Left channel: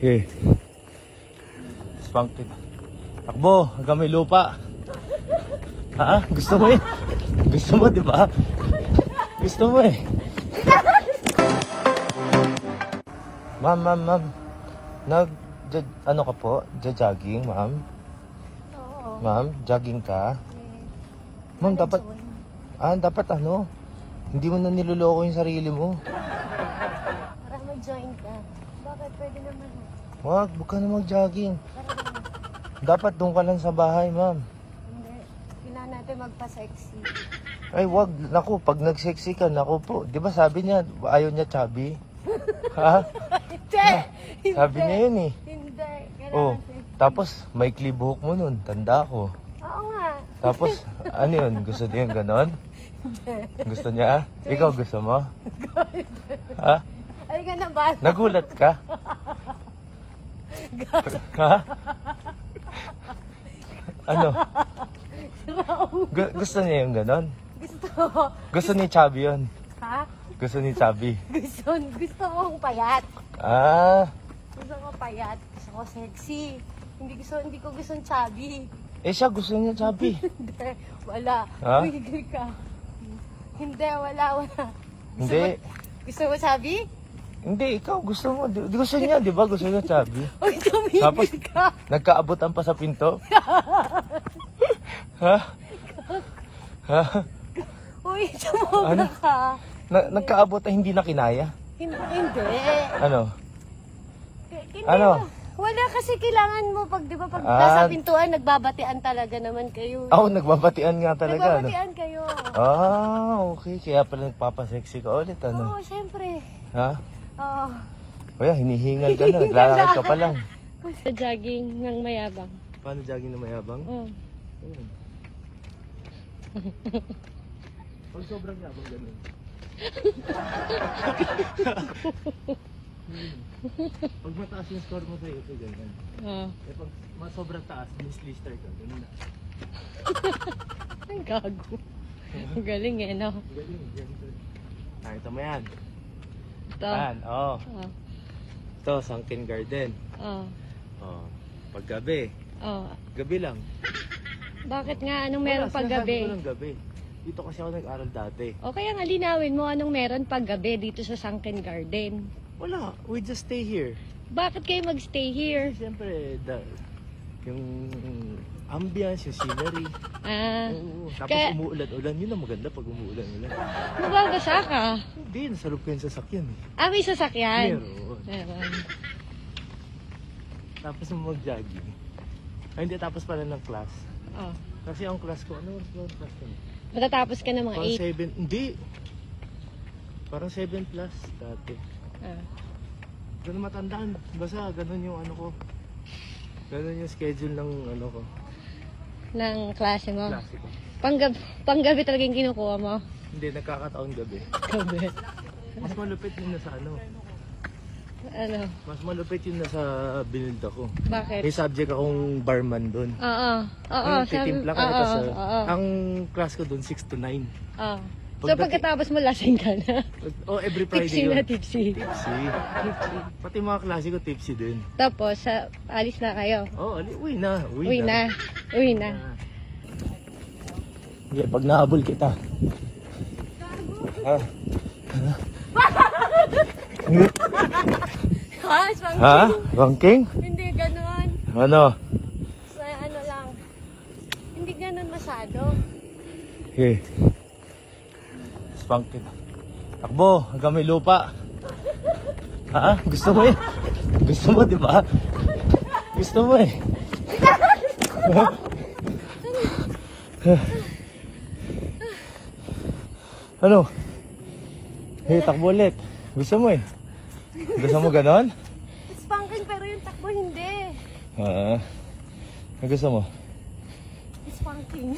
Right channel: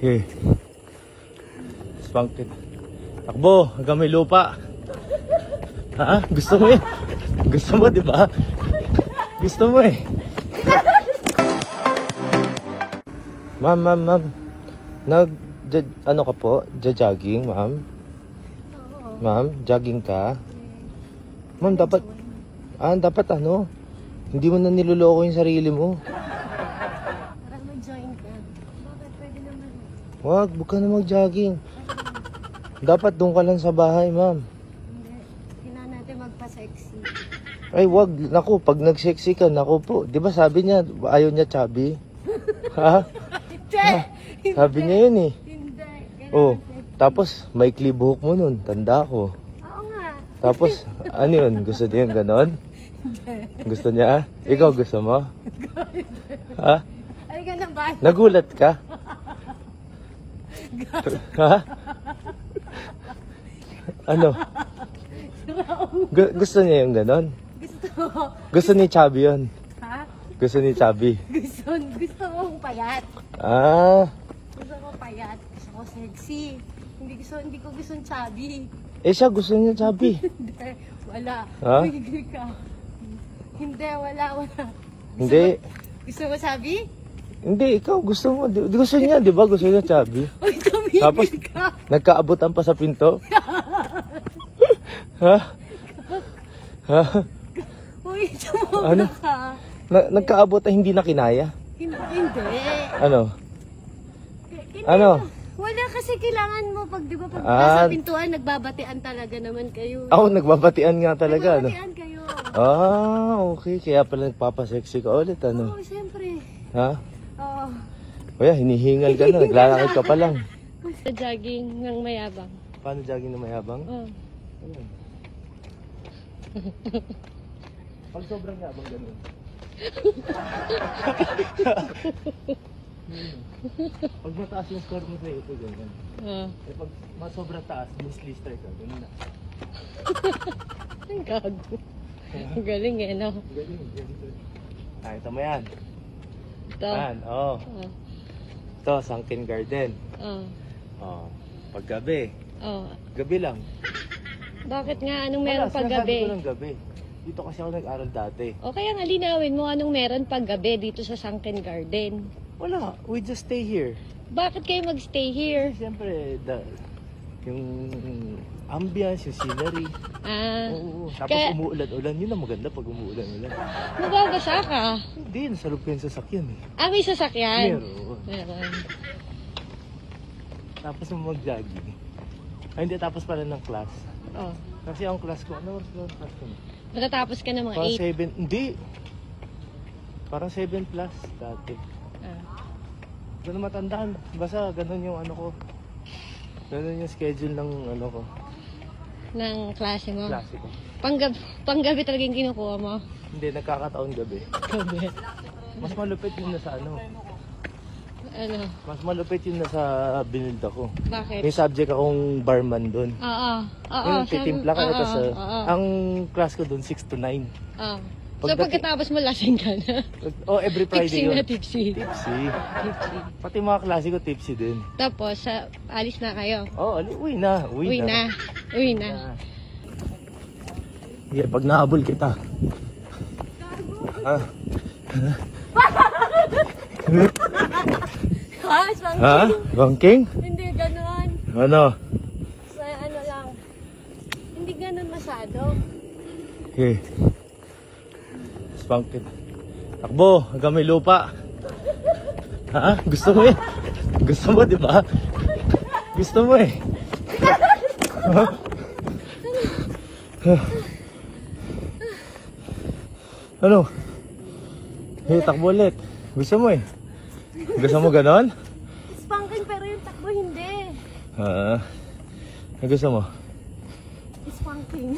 Okay. Spunky. Takbo, hanggang may lupa. Ha? Gusto mo eh? Gusto mo, di ba? Gusto mo eh. Ma'am. Ano ka po? Jogging, ma'am? Oo. Ma'am, jogging ka? Ma'am, dapat ano? Hindi mo na niloloko yung sarili mo. Para mag-join ka. Bakit? Pwede naman. Huwag ka na mag-jogging. Dapat doon ka lang sa bahay, ma'am. Hindi. Kailangan natin magpa-sexy. Ay, wag. Naku, pag nag-sexy ka, naku po. Di ba sabi niya, ayaw niya chubby? Ha? Hindi! Sabi niya yun eh. Hindi. Oh, Kailangan sexy. tapos may buhok mo nun. Tanda ko. Oo nga. Tapos, ano yun? Gusto niya yung ganon? Gusto niya? Ikaw gusto mo? Ha? Ay ka na ba? Nagulat ka? Ha? Ano? Gusto niya yung ganon? Gusto niya chubby yun? Ha? Gusto niya chubby? Gusto mong payat. Ah, Gusto ko payat. Gusto ko sexy. Hindi ko gusto chubby. eh siya gusto niya chubby. Hindi. Wala. Ha? Tumigil ka. Hindi. Wala. Hindi. Gusto mo chubby? Hindi, ikaw gusto mo. Gusto niya, di ba? Gusto niya chubby. Uy, tumigil ka. Nagkaabutan pa sa pinto? Ha? Ha? Uy, tumobra ka. Nagkaabutan, hindi na kinaya? Hindi. Ano? Hindi. Ano? Wala kasi kailangan mo pag, di ba, pag nasa pintuan, nagbabatian talaga naman kayo. Ako, nagbabatian nga talaga. Nagbabatian kayo. Okay. Kaya pala nagpapasexy ka ulit, ano? Oo, siyempre. Ha? Oo. Kaya hinihingal ka na, naglalakad ka pa lang. Sa jogging ng mayabang. Paano jogging na mayabang? Ayan. Pag sobrang yabang ganun. Pag mataas yung score mo sa'yo, ito ganyan. Eh pag sobrang taas, miss-lister ka, ganun na. Ang gago. Ang galing eh, no? Galing. Ito mo yan. Ito. Yan, oo. Ito, sunken garden. Pag gabi. Gabi lang. Bakit nga? Anong meron pag gabi? Wala, sinasabi ko ng gabi. Dito kasi ako nag-aral dati. O kaya nga linawin mo anong meron pag gabi dito sa Sunken Garden. Wala, we just stay here. Bakit kayo magstay here? Siyempre, yung ambience, yung scenery. Oo. Tapos umuulan-ulan, yun ang maganda pag umuulan-ulan. Nababasa ka? Hindi, nasa loob ko yung sasakyan eh. May sasakyan? Meron. Tapos mag-jogging. Ay, hindi, tapos pala ng class. Kasi ang class ko, ano ang class ko? Nakatapos ka na mga 8? Parang 7, hindi. Parang 7 plus dati. Ganun matandaan. Basta ganun yung ano ko. Ganun yung schedule ng ano ko. Ng klase mo? Klase ko. Panggabi talaga yung kinukuha mo? Hindi, nagkakataon gabi. Mas malupit yun na sa ano. Ano? Mas malupit yun na sa binilda ko. Bakit? May subject akong barman doon. Oo. Titimpla ka na sa... Ang class ko doon, 6 to 9. So pagkatapos mo lasing ka na? Every Friday yun. Tipsy. Pati mga klase ko tipsy din. Tapos, alis na kayo? Uwi na. Uwi na. Yeah, pag nahabol kita. Spanking? Banking? Hindi ganon. Ano? Ano lang. Hindi ganon masyado. Okay. Spunky. Takbo, hanggang may lupa. Ha? Gusto mo eh? Gusto mo, di ba? Gusto mo eh. Ano? Hey, takbo ulit. Gusto mo eh? Gusto mo ganon? Spanking pero yung takbo hindi. Gusto mo? Spanking.